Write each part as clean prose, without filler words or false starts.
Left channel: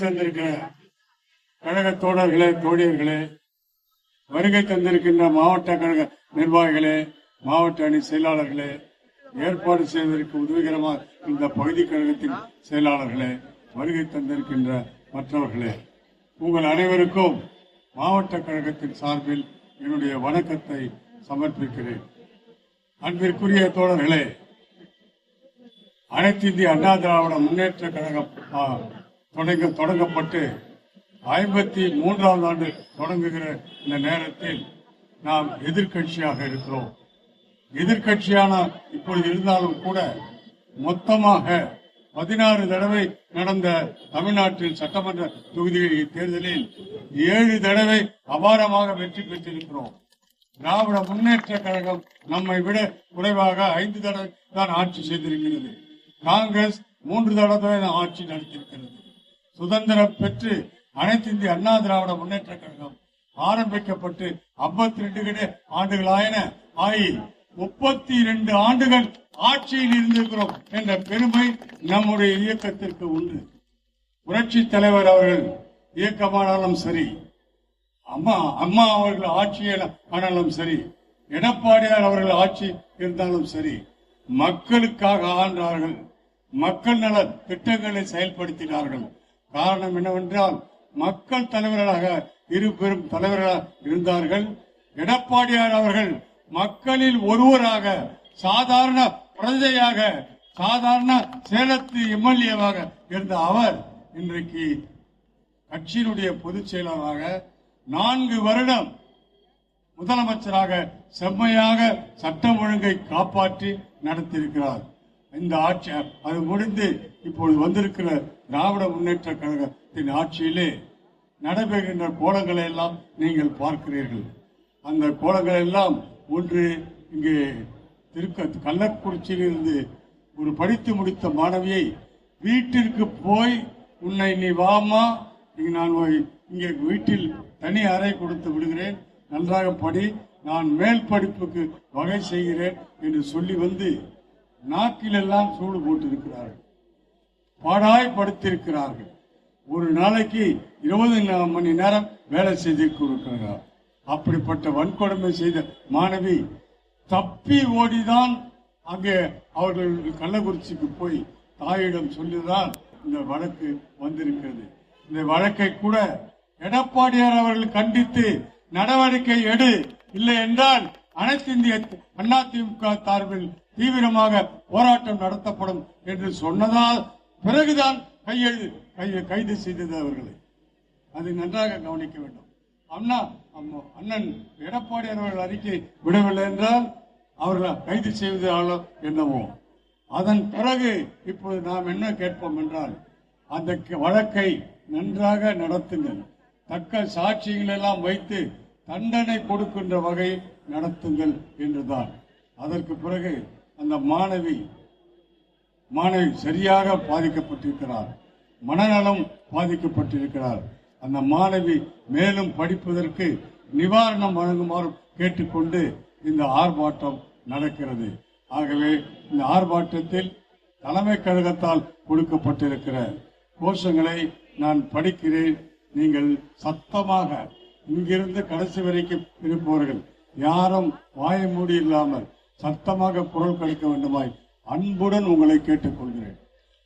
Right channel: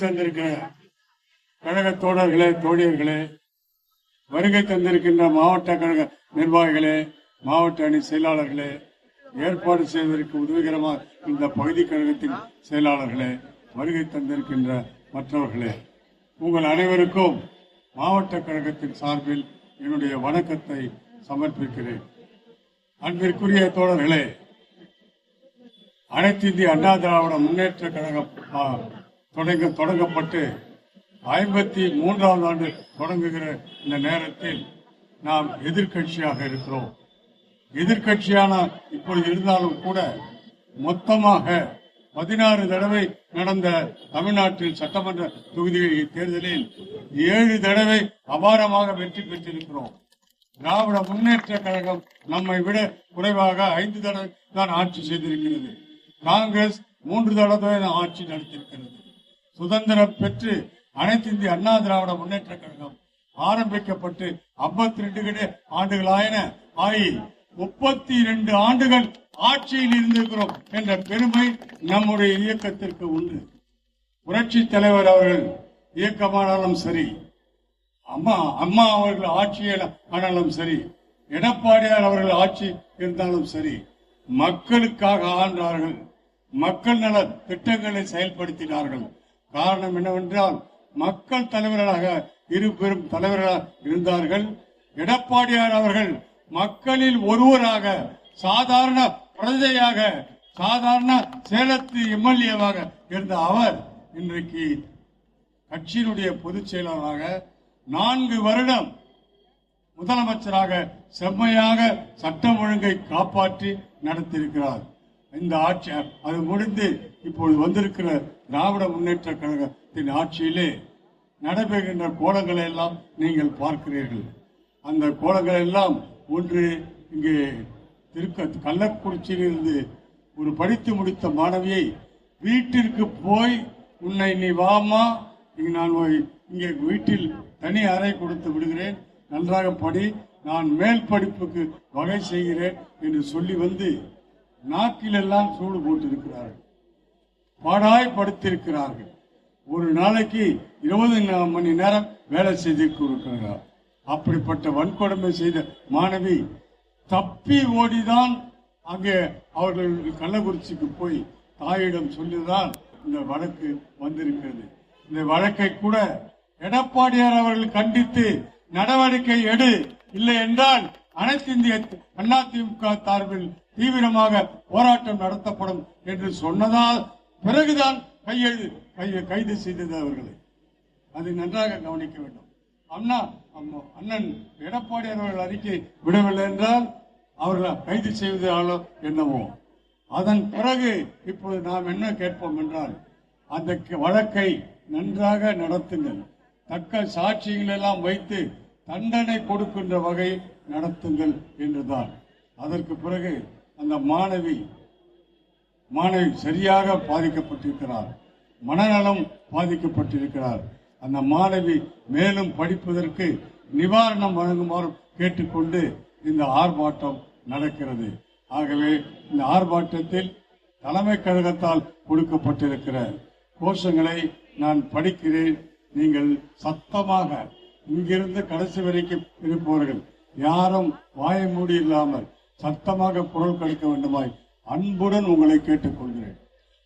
சேர்ந்திருக்கிற கழக தோழர்களே, தோழியர்களே, வருகை தந்திருக்கின்ற மாவட்ட கழக நிர்வாகிகளே, மாவட்ட அணி செயலாளர்களே, ஏற்பாடு செய்வதற்கு உதவிகரமாக இந்த பகுதி கழகத்தின் செயலாளர்களே, வருகை தந்திருக்கின்ற மற்றவர்களே, உங்கள் அனைவருக்கும் மாவட்ட கழகத்தின் சார்பில் என்னுடைய வணக்கத்தை சமர்ப்பிக்கிறேன். அன்பிற்குரிய தோழர்களே, அனைத்து இந்திய அண்ணா திராவிட முன்னேற்ற கழகம் தொடங்கப்பட்டு 53ஆம் ஆண்டு தொடங்குகிற இந்த நேரத்தில் நாம் எதிர்கட்சியாக இருக்கிறோம். எதிர்கட்சியான இப்பொழுது இருந்தாலும் கூட மொத்தமாக 16 தடவை நடந்த தமிழ்நாட்டில் சட்டமன்ற தொகுதி தேர்தலில் 7 தடவை அபாரமாக வெற்றி பெற்றிருக்கிறோம். திராவிட முன்னேற்ற கழகம் நம்மை விட குறைவாக 5 தடவை தான் ஆட்சி செய்திருக்கிறது. காங்கிரஸ் 3 தடவை ஆட்சி நடத்தியிருக்கிறது. சுதந்திரம் பெற்று அனைத்து இந்திய அண்ணா திராவிட முன்னேற்ற கழகம் ஆரம்பிக்கப்பட்டு 52 ஆண்டுகளாயின ஆகி 32 ஆண்டுகள் ஆட்சியில் இருந்திருக்கிறோம் என்ற பெருமை நம்முடைய இயக்கத்திற்கு உண்டு. புரட்சி தலைவர் அவர்கள் இயக்கமானாலும் சரி, அம்மா அவர்கள் ஆட்சியில் ஆனாலும் சரி, எடப்பாடியார் அவர்கள் ஆட்சி இருந்தாலும் சரி, மக்களுக்காக ஆண்டார்கள். மக்கள் நல திட்டங்களை செயல்படுத்தினார்கள். காரணம் என்னவென்றால் மக்கள் தலைவர்களாக இரு பெரும் தலைவர்களாக இருந்தார்கள். எடப்பாடியார் அவர்கள் மக்களில் ஒருவராக, சாதாரண பிரஜையாக, சாதாரண சேலத்து எம்எல்ஏவாக இருந்த அவர் இன்றைக்கு கட்சியினுடைய பொதுச் செயலாளராக 4 வருடம் முதலமைச்சராக செம்மையாக சட்டம் ஒழுங்கை காப்பாற்றி நடத்தியிருக்கிறார். இந்த ஆட்சி அது முடிந்து இப்பொழுது வந்திருக்கிற திராவிட முன்னேற்ற கழகத்தின் ஆட்சியிலே நடைபெறுகின்ற கோலங்களை எல்லாம் நீங்கள் பார்க்கிறீர்கள். அந்த கோலங்கள் எல்லாம் ஒன்று இங்கே கள்ளக்குறிச்சியிலிருந்து ஒரு படித்து முடித்த மாணவியை வீட்டிற்கு போய், உன்னை நீ வாமா, நான் இங்கே வீட்டில் தனி அறை கொடுத்து விடுகிறேன், நன்றாக படி, நான் மேல் படிப்புக்கு வகை செய்கிறேன் என்று சொல்லி வந்து நாட்டிலெல்லாம் சூடு போட்டிருக்கிறார்கள், பாடாய்படுத்தியிருக்கிறார்கள். ஒரு நாளைக்கு 20 மணி நேரம் வேலை செய்திருக்கிறார். அப்படிப்பட்ட வன்கொடுமை செய்த மாணவி தப்பி ஓடிதான் அங்கே அவர்கள் கள்ளக்குறிச்சிக்கு போய் தாயிடம் சொல்லிதான் இந்த வழக்கு வந்திருக்கிறது. இந்த வழக்கை கூட எடப்பாடியார் அவர்கள் கண்டித்து நடவடிக்கை எடு, இல்லை என்றால் அனைத்து இந்திய அதிமுக சார்பில் தீவிரமாக போராட்டம் நடத்தப்படும் என்று சொன்னதால் பிறகுதான் கைது செய்தது அவர்களை. அதை நன்றாக கவனிக்க வேண்டும். அண்ணன் எடப்பாடியார் அவர்கள் அறிக்கை விடவில்லை என்றால் அவர்களை கைது செய்வதாலோ என்னவோ. அதன் பிறகு இப்போது நாம் என்ன கேட்போம் என்றால், அந்த வழக்கை நன்றாக நடத்துங்கள், தக்க சாட்சிகள் எல்லாம் வைத்து தண்டனை கொடுக்கின்ற வகையில் நடத்துங்கள் என்றுதான். அதற்கு பிறகு அந்த மாணவி சரியாக பாதிக்கப்பட்டிருக்கிறார், மனநலம் பாதிக்கப்பட்டிருக்கிறார். அந்த மாணவி மேலும் படிப்பதற்கு நிவாரணம் வழங்குமாறு கேட்டுக்கொண்டு இந்த ஆர்ப்பாட்டம் நடக்கிறது. ஆகவே இந்த ஆர்ப்பாட்டத்தில் தலைமை கழகத்தால் கொடுக்கப்பட்டிருக்கிற கோஷங்களை நான் படிக்கிறேன். நீங்கள் சத்தமாக இங்கிருந்து கடைசி வரைக்கும் இருப்பவர்கள் யாரும் வாய மூடி இல்லாமல் சத்தமாக குரல் கொடுக்க வேண்டுமாய் அன்புடன் உங்களை கேட்டுக்கொள்கிறேன்.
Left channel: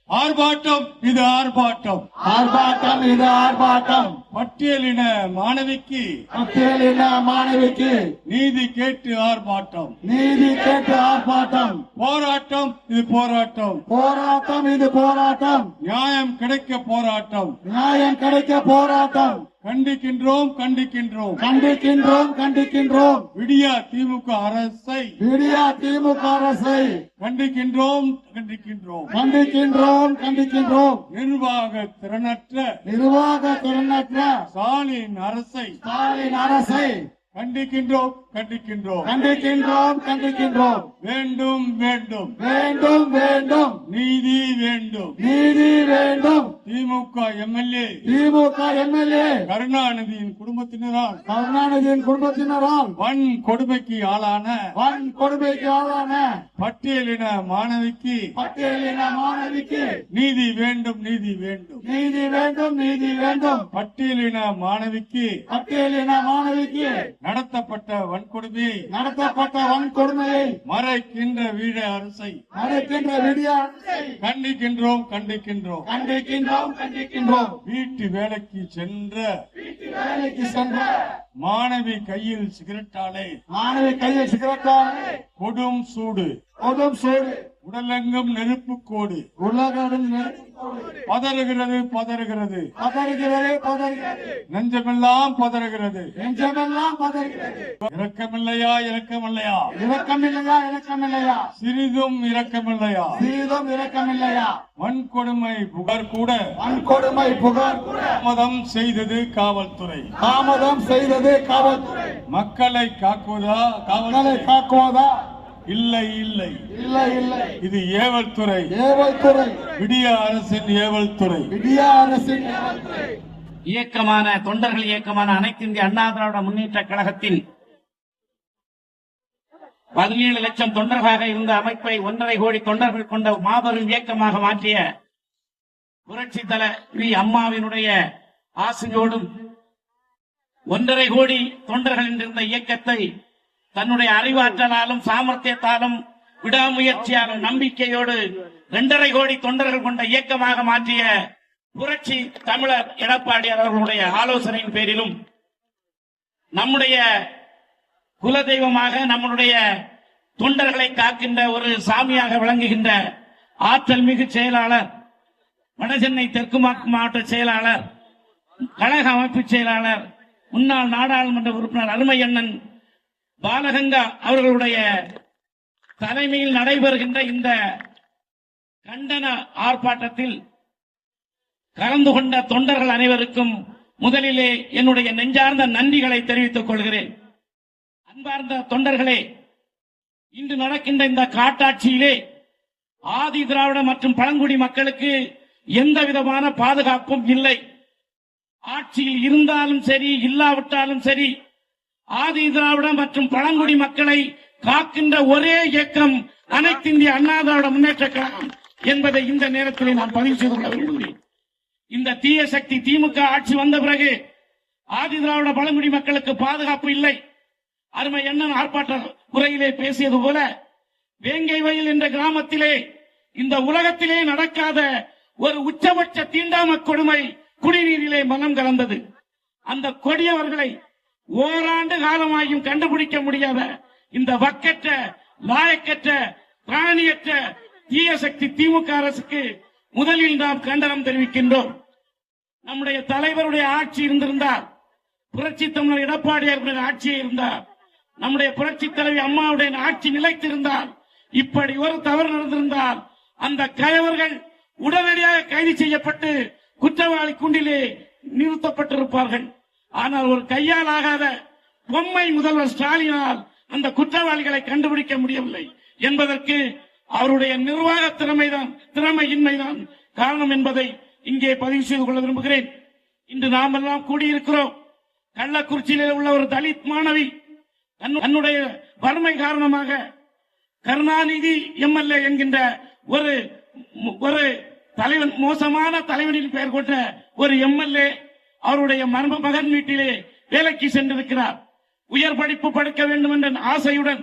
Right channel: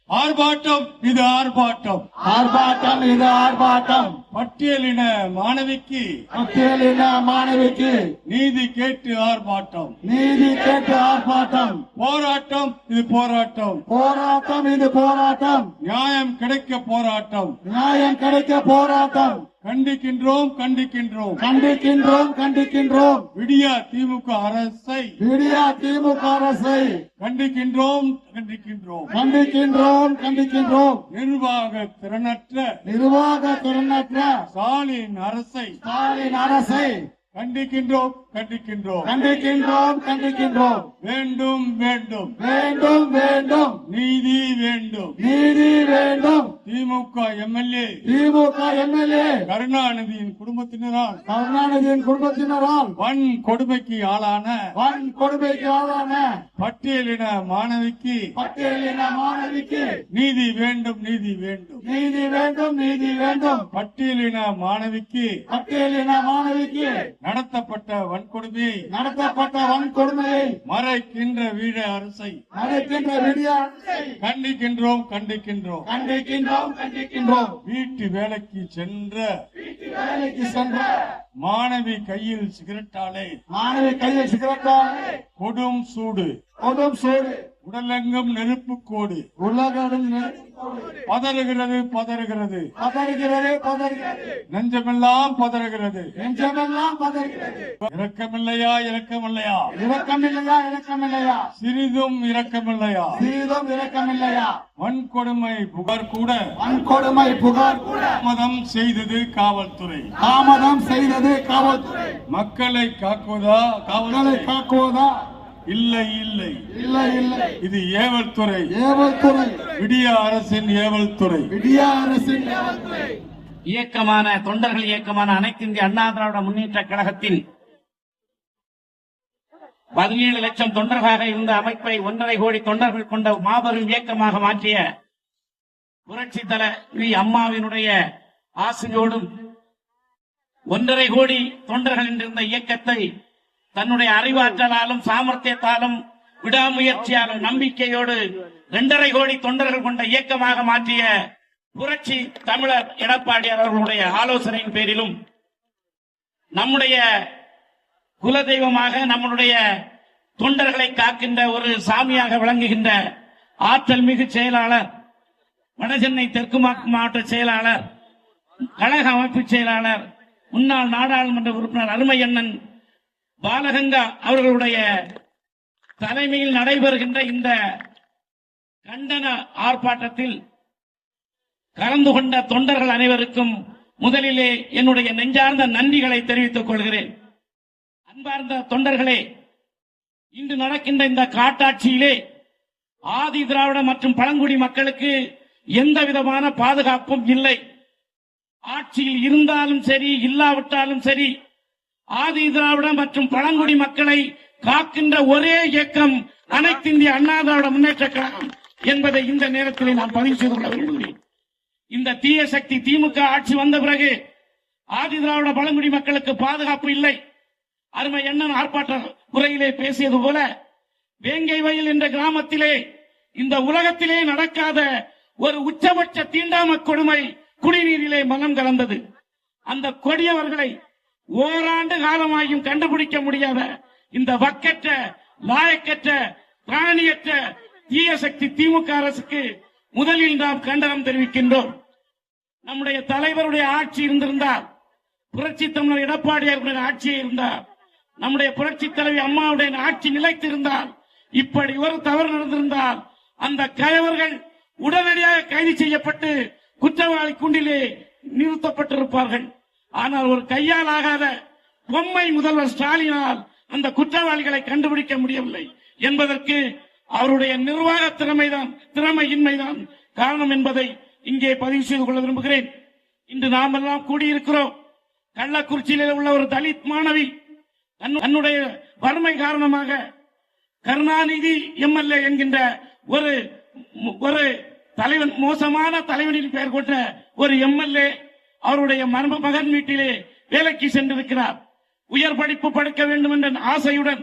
ஆர்ப்பாட்டம் இது ஆர்ப்பாட்டம், ஆர்ப்பாட்டம் இது ஆர்ப்பாட்டம். பட்டியலின மாணவிக்கு நீதி கேட்டு ஆர்ப்பாட்டம், நீதி கேட்டு ஆர்ப்பாட்டம். போராட்டம் இது போராட்டம், போராட்டம் இது போராட்டம். நியாயம் கிடைக்க போராட்டம், நியாயம் கிடைக்க போராட்டம். கண்டிக்கின்றோம் கண்டிக்கின்றோம் கண்டிக்கின்றோம் கண்டிக்கின்றோம். விடியா திமுக அரசை, விடியா திமுக அரசை கண்டிக்கின்றோம் கண்டிக்கின்றோம் கண்டிக்கின்றோம் கண்டிக்கின்றோம். நிர்வாக திறனற்ற ஸ்டாலின் அரசை கண்டிக்கின்றோம் கண்டிக்கின்றோம் கண்டிக்கின்றோம் கண்டிக்கின்றோம் வேண்டும் வேண்டும் வேண்டும் வேண்டும் நீதி வேண்டும். நீதி வேண்டும். திமுக எம்எல்ஏ திமுக எம்எல்ஏ கருணாநிதியின் குடும்பத்தினரால் கருணாநிதியின் குடும்பத்தினரால் வன் கொடுமைக்கு ஆளான வன் கொடுமைக்கு ஆளான பட்டியலின மாணவிக்கு பட்டியலின மாணவிக்கு நீதி வேண்டும் நீதி வேண்டும். நீதி வேண்டும் நீதி வேண்டும். பட்டியலின மாணவிக்கு பட்டியலின மாணவிக்கு நடத்தப்பட்ட வன்கொடுமையை நடத்தப்பட்ட வன்கொடுமையை மறைக்கின்ற வீட அரசை நடக்கின்ற விடியாட்டை கண்டிக்கின்றோம் கண்டிக்கின்றோம். கண்டிக்கின்றோம் கண்டிக்கின்றோம். வீட்டு வேலைக்கு சென்ற வேலைக்கு சென்ற மாணவி கையில் சிகரெட்டாலே மாணவி கையில் சிகரெட்டாலே கொடும் சூடு கொடும் சூடு உடலெங்கும் நெருப்பு கோடு உலகம் பதறுகிறது பதறுகிறது பதறுகிறது பதறுகிறது நெஞ்சமெல்லாம் பதறுகிறது. நெஞ்சமெல்லாம் பதறுகிறது. இரக்கமில்லையா இரக்கமில்லையா இரக்கமில்லையா இரக்கமில்லையா சிறிதும் இரக்கமில்லையா சீதம் இரக்கமில்லையா வன்கொடுமை புகார் கூட வன்கொடுமை புகார் கூட தாமதம் செய்தது காவல்துறை. தாமதம் செய்தது காவல்துறை. மக்களை காக்குவதா மக்களை காவல்துறை? காக்குவதா? இல்லை இல்லை இல்லை இல்லை. இது ஏவல் துறை. ஏவல் துறை. விடிய அரசின் ஏவல் துறை. விடிய அரசின் ஏவல் துறை. இயக்கமான தொண்டர்கள் இயக்கமான அனைத்து இந்திய அண்ணா திராவிட முன்னேற்ற கழகத்தின் 17 லட்சம் தொண்டர்களாக இருந்த அமைப்பை 1.5 கோடி தொண்டர்கள் கொண்ட மாபெரும் இயக்கமாக மாற்றிய புரட்சி தலைவி அம்மாவினுடைய ஆசையோடும் 1.5 கோடி தொண்டர்கள் என்ற இயக்கத்தை தன்னுடைய அறிவாற்றலாலும் சாமர்த்தியத்தாலும் விடாமுயற்சியாக நம்பிக்கையோடு 2.5 கோடி தொண்டர்கள் கொண்ட இயக்கமாக மாற்றிய புரட்சி தமிழர் எடப்பாடியார் அவர்களுடைய ஆலோசனையின் பேரிலும் நம்முடைய குலதெய்வமாக நம்முடைய தொண்டர்களை காக்கின்ற ஒரு சாமியாக விளங்குகின்ற ஆற்றல் மிகு செயலாளர், வடசென்னை தெற்கு மாவட்ட செயலாளர், கழக அமைப்பு செயலாளர், முன்னாள் நாடாளுமன்ற உறுப்பினர் அருமை அண்ணன் பாலகங்கா அவர்களுடைய தலைமையில் நடைபெறுகின்ற இந்த கண்டன ஆர்ப்பாட்டத்தில் கலந்து கொண்ட தொண்டர்கள் அனைவருக்கும் முதலிலே என்னுடைய நெஞ்சார்ந்த நன்றிகளை தெரிவித்துக் கொள்கிறேன். அன்பார்ந்த தொண்டர்களே, இன்று நடக்கின்ற இந்த காட்டாட்சியிலே ஆதி திராவிட மற்றும் பழங்குடி மக்களுக்கு எந்த விதமான பாதுகாப்பும் இல்லை. ஆட்சியில் இருந்தாலும் சரி இல்லாவிட்டாலும் சரி, ஆதி திராவிட மற்றும் பழங்குடி மக்களை காக்கின்ற ஒரே இயக்கம் அனைத்து இந்திய அண்ணா திராவிட முன்னேற்ற கழகம் என்பதை இந்த நேரத்தில் நான் பதிவு செய்து கொள்ள விரும்புகிறேன். இந்த தீய சக்தி திமுக ஆட்சி வந்த பிறகு ஆதி திராவிட பழங்குடி மக்களுக்கு பாதுகாப்பு இல்லை. அருமை அண்ணன் ஆர்ப்பாட்ட உரையிலே பேசியது போல வேங்கை வயல் என்ற கிராமத்திலே இந்த உலகத்திலே நடக்காத ஒரு உச்சபட்ச தீண்டாம கொடுமை குடிநீரிலே மனம் கலந்தது. அந்த கொடியவர்களை ஓராண்டு காலமாகியும் கண்டுபிடிக்க முடியாத இந்த வக்கற்ற லாயக்கற்ற பிராணியற்ற தீய சக்தி திமுக அரசுக்கு முதலில் நாம் கண்டனம் தெரிவிக்கின்றோம். நம்முடைய தலைவருடைய ஆட்சி இருந்திருந்தால், புரட்சி தமிழர் எடப்பாடியார் ஆட்சி இருந்தால், நம்முடைய புரட்சி தலைவி அம்மாவுடைய ஆட்சி நிலைத்திருந்தால், இப்படி ஒரு தவறு நடந்திருந்தால் அந்த கயவர்கள் உடனடியாக கைது செய்யப்பட்டு குற்றவாளி கூண்டிலே நிறுத்தப்பட்டிருப்பார்கள். ஆனால் ஒரு கையால் ஆகாத பொம்மை முதல்வர் ஸ்டாலினால் அந்த குற்றவாளிகளை கண்டுபிடிக்க முடியவில்லை என்பதற்கு அவருடைய நிர்வாக திறமையின்மைதான் காரணம் என்பதை இங்கே பதிவு செய்து கொள்ள விரும்புகிறேன். இன்று நாம் எல்லாம் கூடியிருக்கிறோம். கள்ளக்குறிச்சியில் உள்ள ஒரு தலித் மாணவி தன்னுடைய வறுமை காரணமாக கருணாநிதி எம்எல்ஏ என்கின்ற ஒரு தலைவன், மோசமான தலைவனின் பெயர் கொண்ட ஒரு எம்எல்ஏ அவருடைய மர்ம மகன் வீட்டிலே வேலைக்கு சென்றிருக்கிறார். உயர் படிப்பு படிக்க வேண்டும் என்ற ஆசையுடன்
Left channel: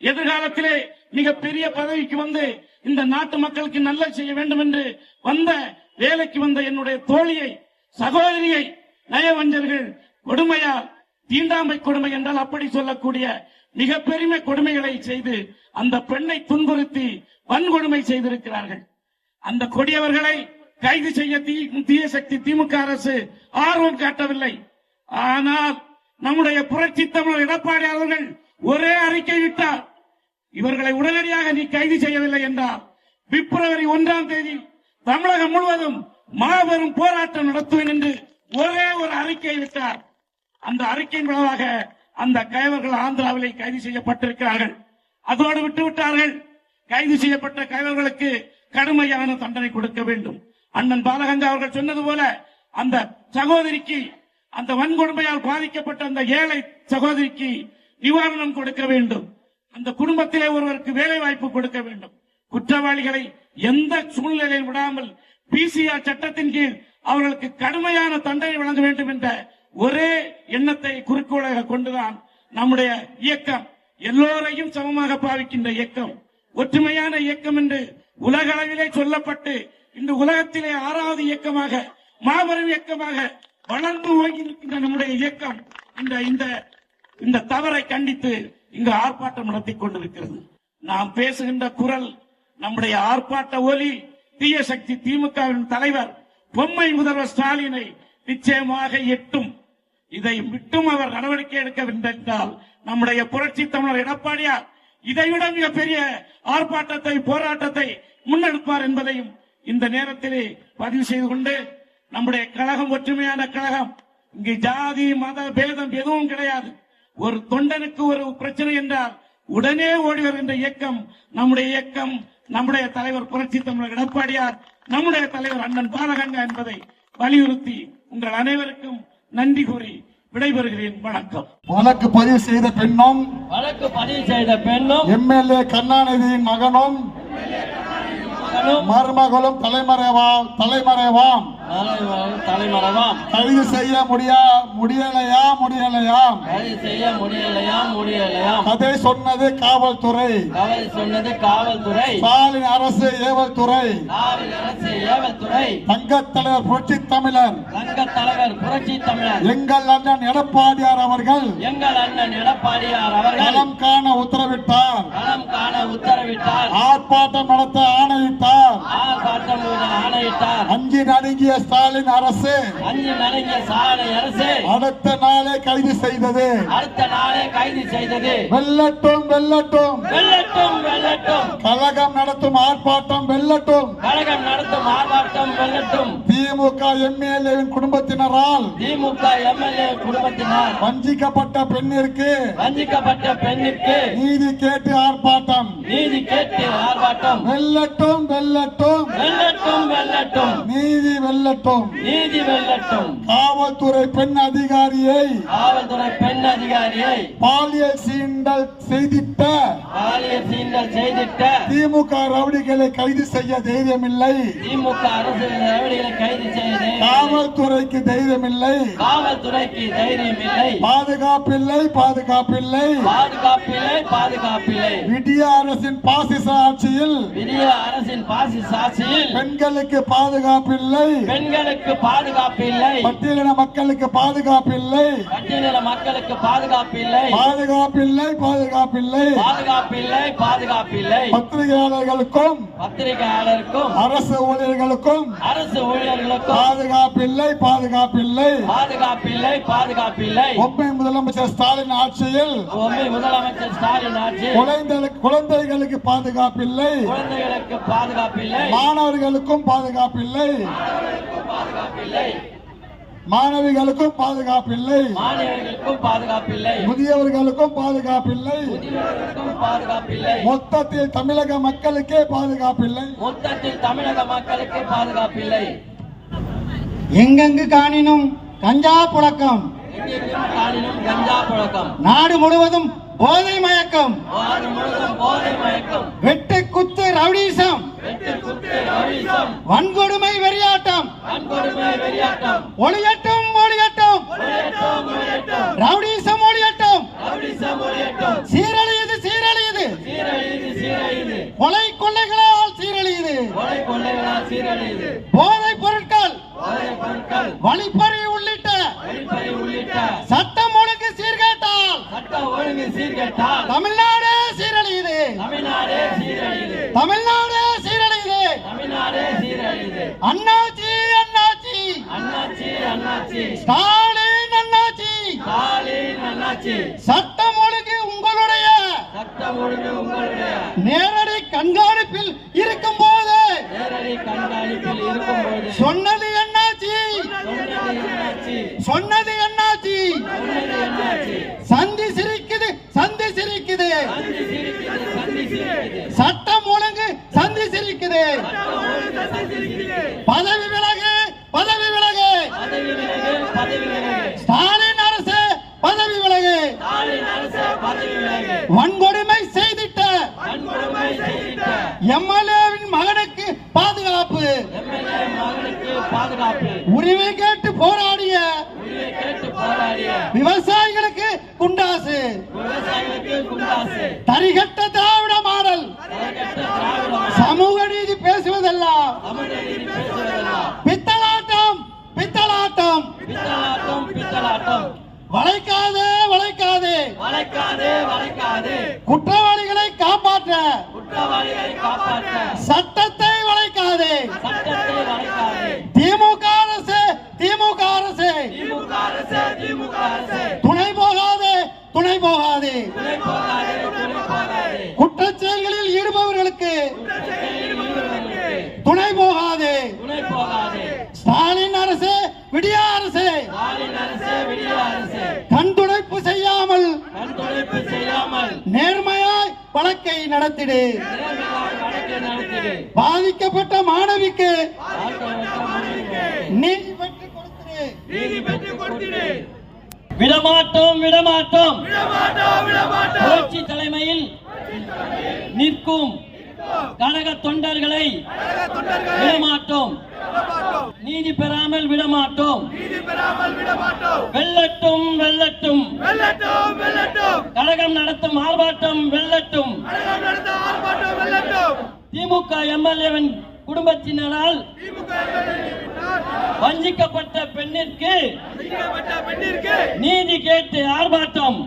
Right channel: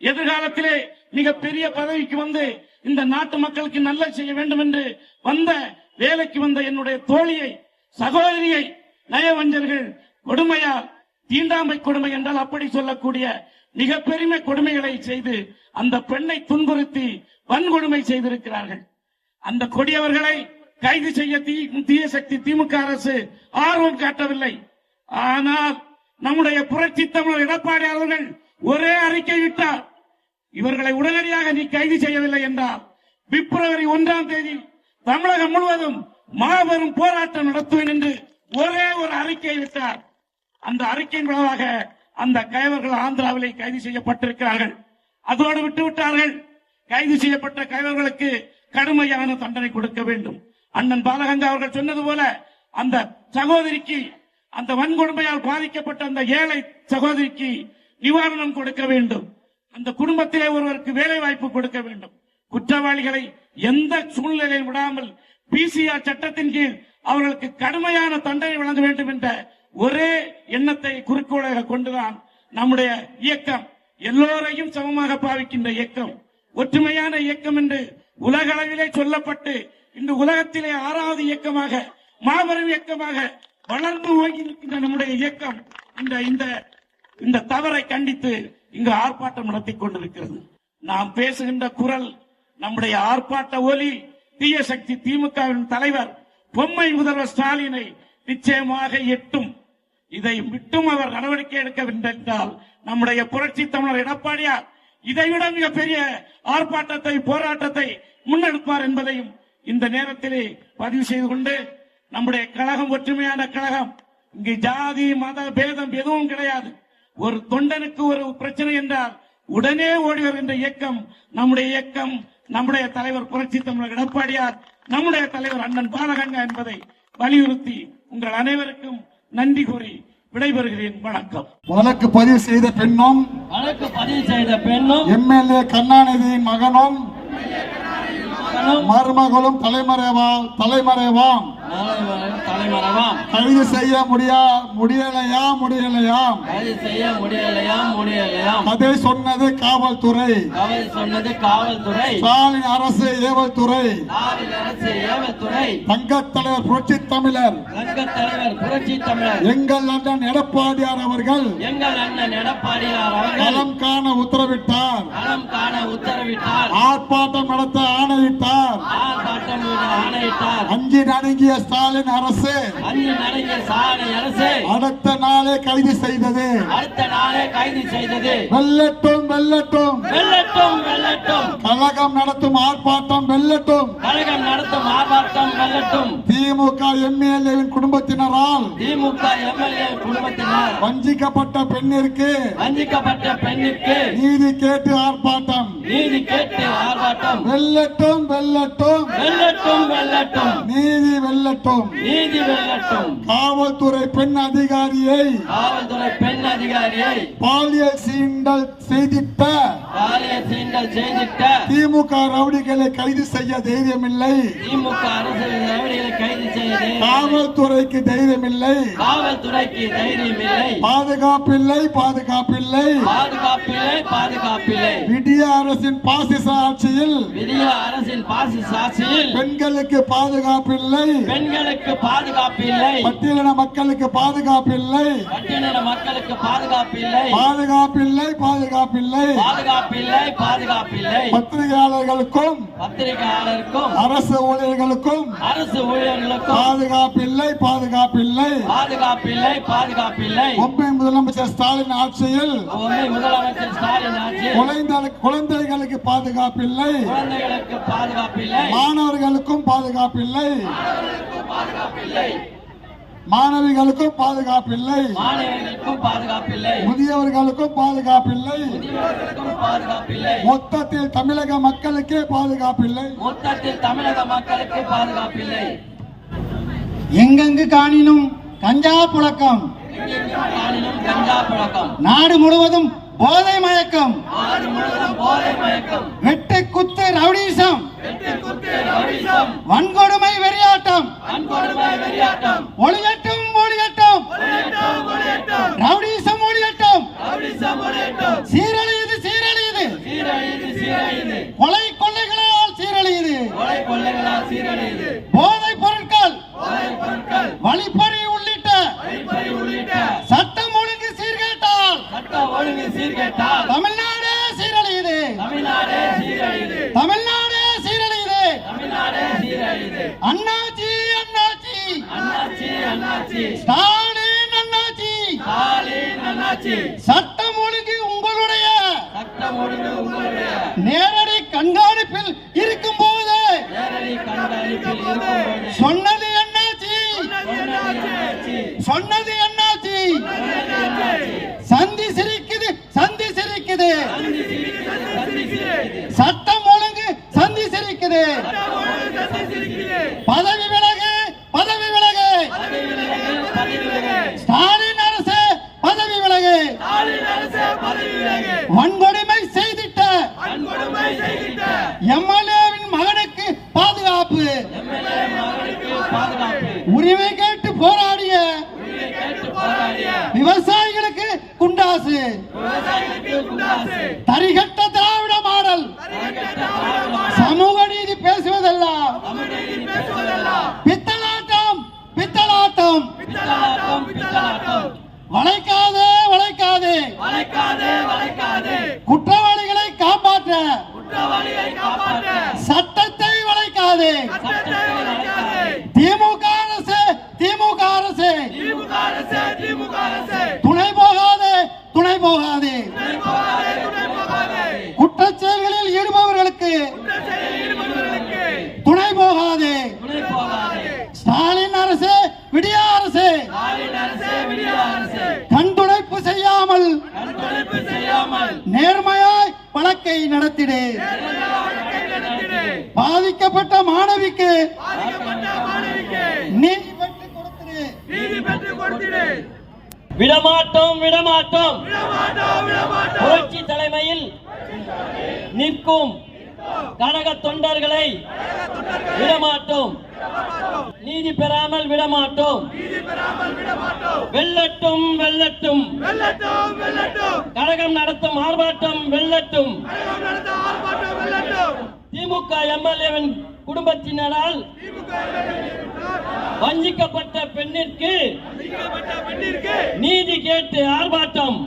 எதிர்காலத்திலே மிகப்பெரிய பதவிக்கு வந்து இந்த நாட்டு மக்களுக்கு நல்லது செய்ய வேண்டும் என்று வேலைக்கு வந்த என்னுடைய தோழியை, சகோதரியை நயவஞ்சர்கள் கொடுமையால், தீண்டாமை கொடுமை என்றால் அப்படி சொல்லக்கூடிய மிக பெரிய கொடுமைகளை செய்து அந்த பெண்ணை துன்புறுத்தி வன்கொடுமை செய்திருக்கிறார்கள். அந்த கொடியவர்களை கைது செய்ய தீய சக்தி திமுக அரசு ஆர்வம் காட்டவில்லை. ஆனால் நம்முடைய புரட்சி தமிழர் எடப்பாடி அவர்கள் ஒரே அறிக்கை விட்டார். இவர்களை உடனடியாக நீ கைது செய்யவில்லை என்றால் பிப்ரவரி 1ஆம் தேதி தமிழகம் முழுவதும் மாபெரும் போராட்டம் நடத்துவேன் என்று ஒரே ஒரு அறிக்கை விட்டார். அந்த அறிக்கையின் மூலமாக அந்த கைவர்கள் ஆந்திராவிலே கைது செய்யப்பட்டிருக்கிறார்கள். அதோடு விட்டுவிட்டார்கள். கைது செய்யப்பட்ட கைவர்களுக்கு கடுமையான தண்டனை கொடுக்க வேண்டும். அண்ணன் பாலகங்கா அவர்கள் சொன்னது போல அந்த சகோதரிக்கு, அந்த வன்கொடுமையால் பாதிக்கப்பட்ட அந்த ஏழை சகோதரிக்கு நிவாரணம் கொடுக்க வேண்டும். அந்த குடும்பத்திலே ஒருவருக்கு வேலை வாய்ப்பு கொடுக்க வேண்டும். குற்றவாளிகளை எந்த சூழ்நிலையில் விடாமல் பிசிஆர் சட்டத்தின் கீழ் அவர்களுக்கு கடுமையான தண்டனை வழங்க வேண்டும் என்ற ஒரே எண்ணத்தை குறிக்கோளாக கொண்டுதான் நம்முடைய இயக்கம், எல்லோரையும் சமமாக பாவிக்கின்ற இயக்கம், ஒற்றுமையான இயக்கம் என்று உலக அளவிலே சொல்லப்பட்டு இன்று உலகத்திலே 6வது இயக்கமாக, மாபெரும் இயக்கமாக வளர்ந்து ஓய்ந்திருக்கின்ற நம்முடைய இயக்கம் இந்த தவறை கண்டித்து இங்கு ஆர்ப்பாட்டம் நடத்திக் கொண்டிருக்கிறது. நாம் பேசுகின்ற குரல், நம்முடைய ஆர்ப்பாட்ட ஒலி தீய சக்தி திமுகவின் தலைவர் பொம்மை முதல்வர் ஸ்டாலினை நிச்சயமாக எட்டும். இதை விட்டும் அவர் நடவடிக்கை எடுக்கவில்லை என்றால் நம்முடைய புரட்சி தமிழர் எடப்பாடியார் இதைவிட மிகப்பெரிய ஆர்ப்பாட்டத்தை, போராட்டத்தை முன்னெடுப்பார் என்பதையும் இந்த நேரத்திலே பதிவு செய்து கொண்டு, நம்முடைய கழகம் ஒற்றுமையான கழகம். இங்கு ஜாதி மத பேதம் எதுவும் கிடையாது. ஒரு தொண்டனுக்கு ஒரு பிரச்சனை என்றால் உடனே ஓடி வருகின்ற இயக்கம் நம்முடைய இயக்கம். நம்முடைய தலைவர் புரட்சி தமிழர் எடப்பாடியார், நம்முடைய தலைவர் அண்ணன் பாலகங்கா என்பதை வலியுறுத்தி உங்கள் அனைவருக்கும் நன்றி கூறி விடைபெறுகிறேன். வணக்கம். வழக்கு பதிவு செய்த பெண்ணும் எம்எல்ஏ கருணாநிதியின் மகனும் மருமகளும் தலைமறைவாம் கைது செய்ய முடியலையாம் அதை சொன்னது காவல்துறை. ஸ்டாலின் அரசு ஏவல்துறை. தங்கத்தலைவர் புரட்சி தமிழர் எங்கள் அண்ணன் எடப்பாடியார் அவர்கள் களம் காண உத்தரவிட்டார். ஆர்ப்பாட்டம் நடத்த ஆணையிட்டார். அஞ்சி நடுங்கிய ஸ்டாலின் அரசு அடுத்த நாளே கைது செய்தது. வெல்லட்டும் கழகம் நடத்தும் ஆர்ப்பாட்டம் வெல்லட்டும். திமுக எம்எல்ஏவின் குடும்பத்தினரால் வஞ்சிக்கப்பட்ட பெண்ணிற்கு நீதி கேட்டு ஆர்ப்பாட்டம். வெல்லட்டும் நீதி வெல்லட்டும். காவல்துறை பெண் அதிகாரியை பாலியல் சீண்டல் செய்திட்ட திமுக ரவுடிகளை கைது செய்ய தைரியமில்லை. காவல்துறைக்கு தைரியமில்லை. பாதுகாப்பில்லை. விடிய அரசின் பாசிச ஆட்சியில் பெண்களுக்கு பாதுகாப்பில்லை. பட்டியலின மக்களுக்கு பாதுகாப்பில்லை. பத்திரிகையாளர்களுக்கும் அரசு ஊழியர்களுக்கும் பாதுகாப்பில்லை. பொம்மை முதலமைச்சர் ஸ்டாலின் ஆட்சியில் குழந்தைகளுக்கு பாதுகாப்பில்லை. மாணவர்களுக்கும் பாதுகாப்பில்லை. மாணவிகளுக்கும் பாதுகாப்பில்லை. முதியவர்களுக்கும் பாதுகாப்பில்லை. மொத்தத்தில் தமிழக மக்களுக்கே பாதுகாப்பில்லை. எங்கெங்கு காணினும் கஞ்சா புழக்கம், நாடு முழுவதும் போதை மயக்கம், வெட்டு குத்து ரவுடிசம், வன்கொடுமை வெறியாட்டம், ஒளியட்டும் ரவுடிசம் ஒளியட்டும். சீரழியுது கொலை கொள்ளைகளால் சீரழியுது. போதைப் பொருட்கள், வழிப்பறி உள்ளிட்ட சட்டம் ஒழுங்கு சீர்கேட்டால் தமிழ்நாடு சீரழியுது. அண்ணாச்சி ஸ்டாலின் அண்ணாச்சி சட்டம் ஒழுங்கு உங்களுடைய நேரடி கண்காணிப்பில் இருக்கும் போது சொன்னது என்னாச்சு? சந்தி சிரிக்குது சட்டம் ஒழுங்கு சந்தி சிரிக்குது பதவி விலகு பதவி விலகு ஸ்டாலின் அரசு பதவி விலகு வன்கொடுமை செய்திட்ட எம்எல்ஏவின் மகனுக்கு பாதுகாப்பு உரிமை கேட்டு போராடிய விவசாயிகளுக்கு குண்டாசு தரிகட்ட திராவிட மாடல் சமூக நீதி பேசுவதெல்லாம் பித்தலாட்டம் பித்தலாட்டம் வளைக்காதே வளைக்காதே குற்றவாளிகளை காப்பாற்ற சட்டத்தை வளைக்காதே திமுக அரசு திமுக அரசு துணை போகாதே துணை போகாதே குற்றச்செயல்களில் ஈடுபவர்களுக்கு துணை போகாதே ஸ்டாலின் அரசு விடிய அரசு கண் துடைப்பு செய்யாமல் நேர்மையாய் வழக்கை நடத்திடு பாதிக்கப்பட்ட மாணவிக்கு நீதி பெற்றுக் கொடுத்திடு விடமாட்டோம் விடமாட்டோம் புரட்சி தலைமையில் நிற்கும் கழக தொண்டர்களை விடமாட்டோம் நீதி பெறாமல் விடமாட்டோம் வெல்லட்டும் வெல்லட்டும் கழகம் நடத்தும் ஆர்ப்பாட்டம் வெல்லட்டும் திமுக எம்எல்ஏவின் குடும்பத்தினரால் வஞ்சிக்கப்பட்ட பெண்ணிற்கு நீதி கேட்டு ஆர்ப்பாட்டம்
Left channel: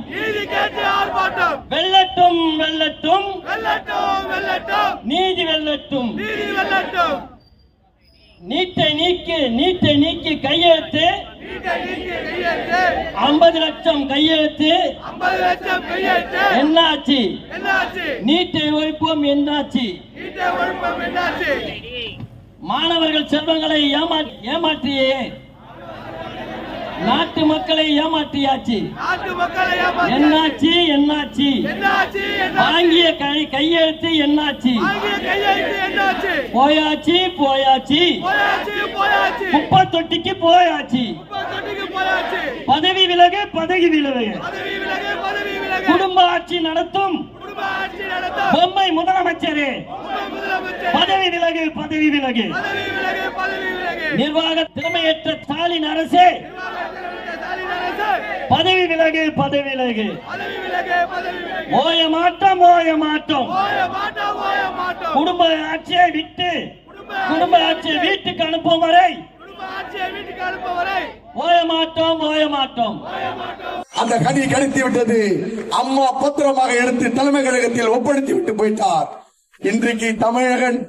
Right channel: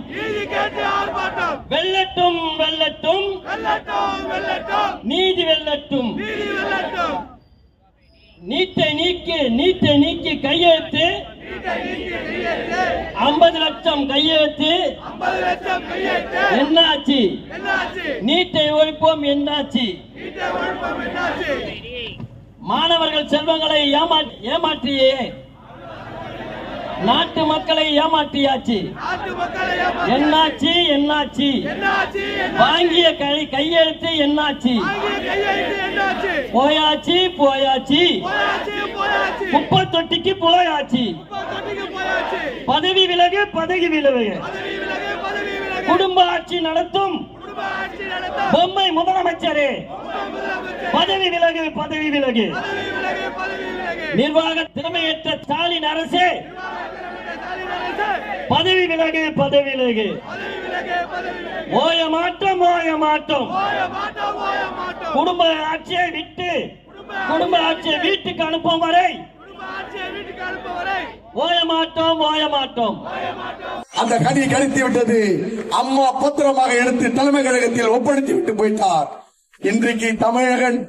வெல்லட்டும் வெல்லட்டும் நீதி வெல்லட்டும் நீட்டை நீக்கி கையெழுத்து 50 லட்சம் கையெழுத்து என்னாச்சு நீட்டை ஒழிப்போம் என்னாச்சு மாணவர்கள் செல்வங்களை ஏமாற்றியே நாட்டு மக்களை ஏமாற்றியாச்சு என்னாச்சு என்னாச்சு வாங்கிய கையெழுத்து என்னாச்சு போயாச்சு போயாச்சு குப்பை தொட்டிக்கு போயாச்சு பதவி விலகு பதவி விலகு குடும்ப ஆட்சி நடத்தும் பொம்மை முதலமைச்சரே பதவி விலகு பதவி விலகு நிர்வாக திறமையற்ற ஸ்டாலின் அரசே பதவி விலகு பதவி விலகு ஓய மாட்டோம் ஓய மாட்டோம் குடும்ப ஆட்சியை விட்டு குடும்ப ஆட்சியை வீட்டுக்கு அனுப்பும் வரை ஓய மாட்டோம் ஓய மாட்டோம் அந்த கனி கணித்து விட்டது. அம்மா பத்திரமாக எடுத்து தலைமை கழகத்தில் ஒப்படைத்து விட்டு போயிட்டார். இன்றைக்கு தமிழகன்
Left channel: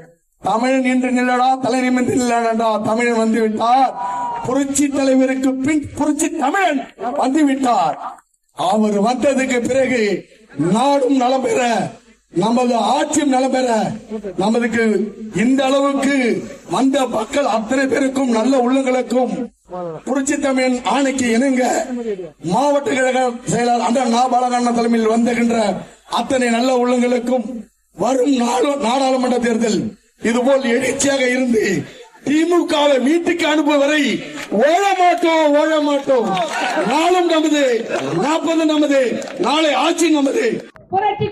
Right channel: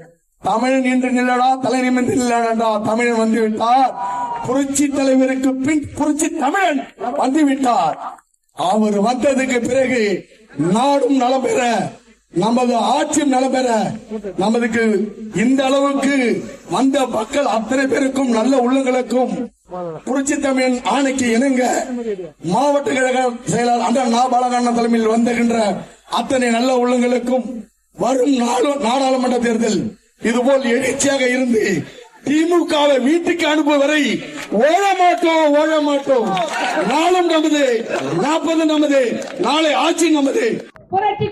தமிழன் என்று நில்லடா, தலை நிமிர்ந்து நில்லடா, தமிழன் வந்து விட்டார். புரட்சி தலைவருக்கு பின் புரட்சி தமிழன் வந்து விட்டார். அவர் வந்ததுக்கு பிறகு நாடும் நலம் பெற, நமது ஆட்சியும் நலம் பெற, நமக்கு இந்த அளவுக்கு வந்த மக்கள் அத்தனை பேருக்கும் நல்ல உள்ளங்களுக்கும் புரட்சி தமிழன் ஆணைக்கு இணங்க மாவட்ட கழக செயலாளர் அந்த நாபாலகண்ண தலைமையில் வந்துகின்ற அத்தனை நல்ல உள்ளங்களுக்கும் வரும் நாடாளுமன்ற தேர்தல் இதுபோல் எழுச்சியாக இருந்து திமுகவை வீட்டுக்கு அனுப்பும் வரை ஓட மாட்டோம். நாளும் நமது, 40 நமது, நாளை ஆட்சி நமது. புரட்சி